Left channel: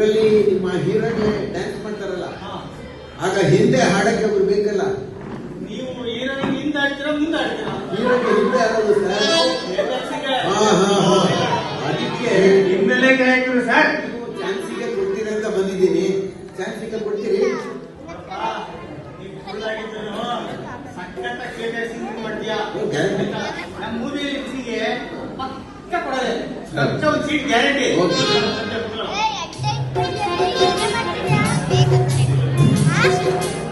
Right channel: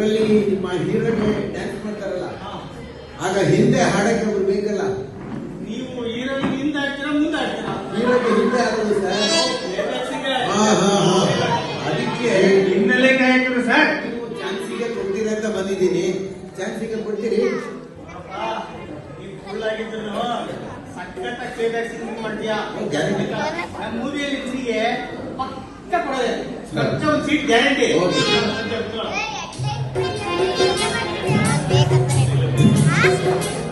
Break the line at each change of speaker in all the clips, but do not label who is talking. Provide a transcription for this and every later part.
ಅದರಲ್ಲಿ ನಿಮ್ಮ hero dance ಮಾಡ್ತಾರಲ್ಲ ಆಗ ಹಿಂದೆ ಹಾಡಕ್ಕೆ ಒಬ್ರು ಬೇಕಲ್ಲ?
ನೀವು ಹೀರೋಯಿನ್ ಹಿಂದೆ ಆಡ್ತೀರಾ ಮುಂದೆ
ಹಿಂದೆ ಹಾಕೋದು ಸರ್
ನಿರ್ದೇಶಕ
ಹಾ ಹಾ ಹಾ. ಅದಕ್ಕೆ
ಸರ್
ನೀವು ಚಾನ್ಸಿಗೆ ಕೊಡ್ತೀರಿ ಅಂತ ಬಂದಿದ್ದೀನಿ. ಚಾನ್ಸಿಗೆ ಕೊಡ್ತೀರಿ?
ಮಾಡ್ತೀಯಾ. ನಮ್ಮ ಮೂವಿಯಲ್ಲಿ ಪಕ್ಕ ಕೊಡೋದೇ ಪಕ್ಕ ಒಂದು ಸೀಟ್ ಗ್ಯಾರಂಟಿ
Thank you.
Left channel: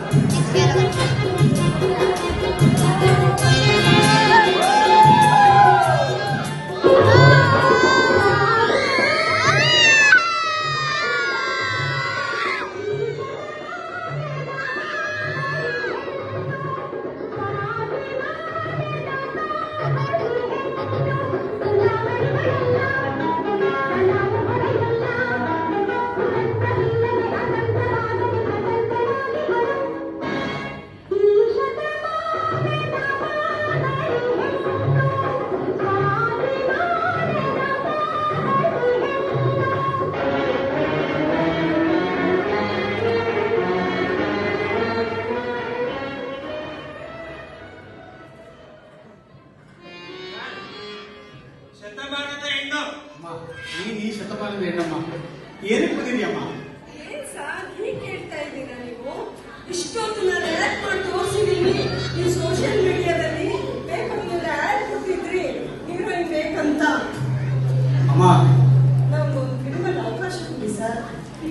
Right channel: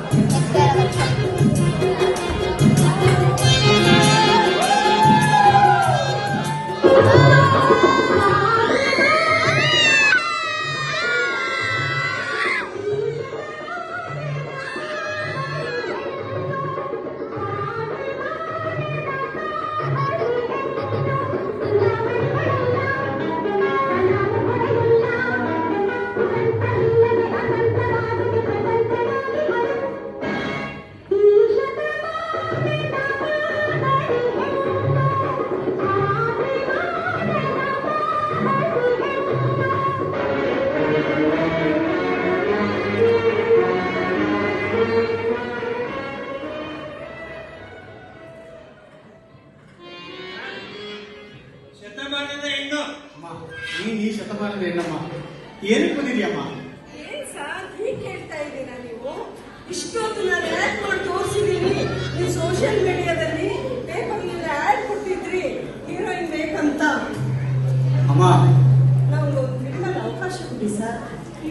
ಶತಮಾನದ ಹೆಣ್ಣು.
ನೀ ಈ ಶತಮಾನದ ಹೆಣ್ಣಮ್ಮ ಏನಕ್ಕೆ ಬಂದಿದ್ಯಮ್ಮ
ಏನ್ ಸರ್ ಹೀಗೆ ಹೇಳ್ತಾ ಇದ್ದೀರಾ ನೀವು? ಇಷ್ಟೊಂದು